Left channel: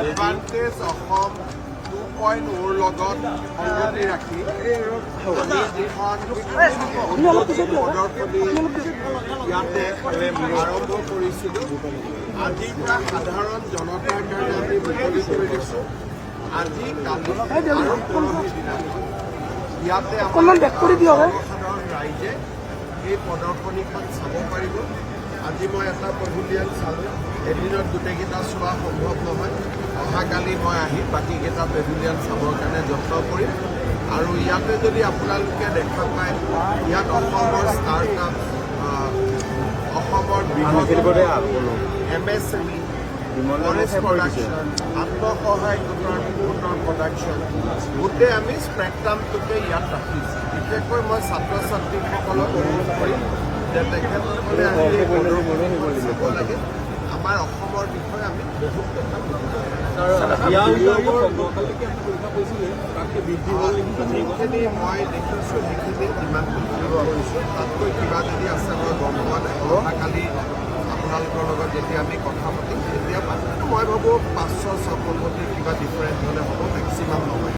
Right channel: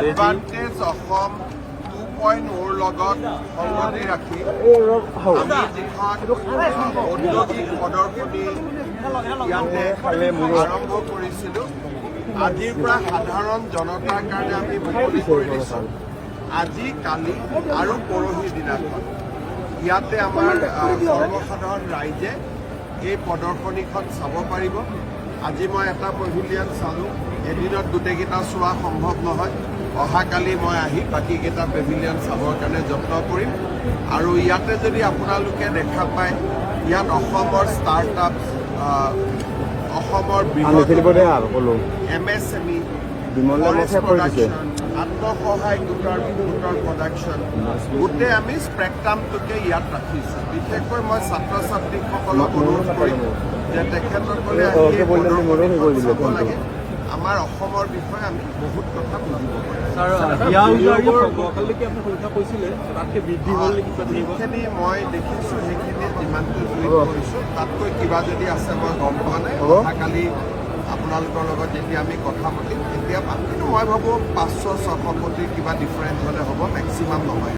Advantage Assam 2.0 লগত সংগতি ৰাখি আমি যিখন ঔদ্যোগিক প্ৰদৰ্শনী ইয়াতে আৰম্ভ কৰিছিলোঁ, আজিৰ পৰা সাধাৰণ জনতাৰ কাৰণে আমি মুকলি কৰি দিছোঁ। আজি, কালি আৰু পৰহিৰ দিনাখন ইয়াতে আমাৰ সৰ্বসাধাৰণ ৰাইজে এই প্ৰদৰ্শনীখন চাব পাৰিব। আজি মই এটা পেভিলিয়ন চালোঁ, এদিনত গোটেইকেইটা চোৱা সম্ভৱ নহয়। অহাকালি মই আহি বাকীকেইটা পেভিলিয়ন চাবৰ কাৰণে যত্ন কৰিম। আৰু ইয়াতে যদি আপোনালোকে দেখা পায়, ইয়াত অসমৰ ষ্টাৰ্টআপ, অসমৰ বৃহৎ MSME, ফৰেষ্ট প্ৰডাকশ্যন, আত্মসহায়ক গোটৰ প্ৰডাকশ্যন, গোটেই আমি স্পেক্ট্ৰামটোকে ইয়াত ৰাখিছোঁ। বিশেষকৈ মই ছাত্ৰ ছাত্ৰীসকলক অনুৰোধ কৰিম যে তেখেতসকলে আহি এই প্ৰদৰ্শনীখন চাব লাগে। আমাৰ অসমৰ বিষয়ে আমি বহুত কথা বুজিব পাৰিম। যিখিনি মই দেখিছোঁ সেইখিনি যিমানটো জুই কৰিছোঁ, তাতকৈ কিবা যদি আছে মই গম পোৱা নাই। অহাকালি আপোনালোকৰ লগত যেতিয়া আমি কথা পাতিম তেতিয়া পাম। কিন্তু মই ভাবোঁ 500-600 কোটি কিবা ডিফাৰেঞ্চ হ'লে হ'ব, মেক্সিমাম নহয়।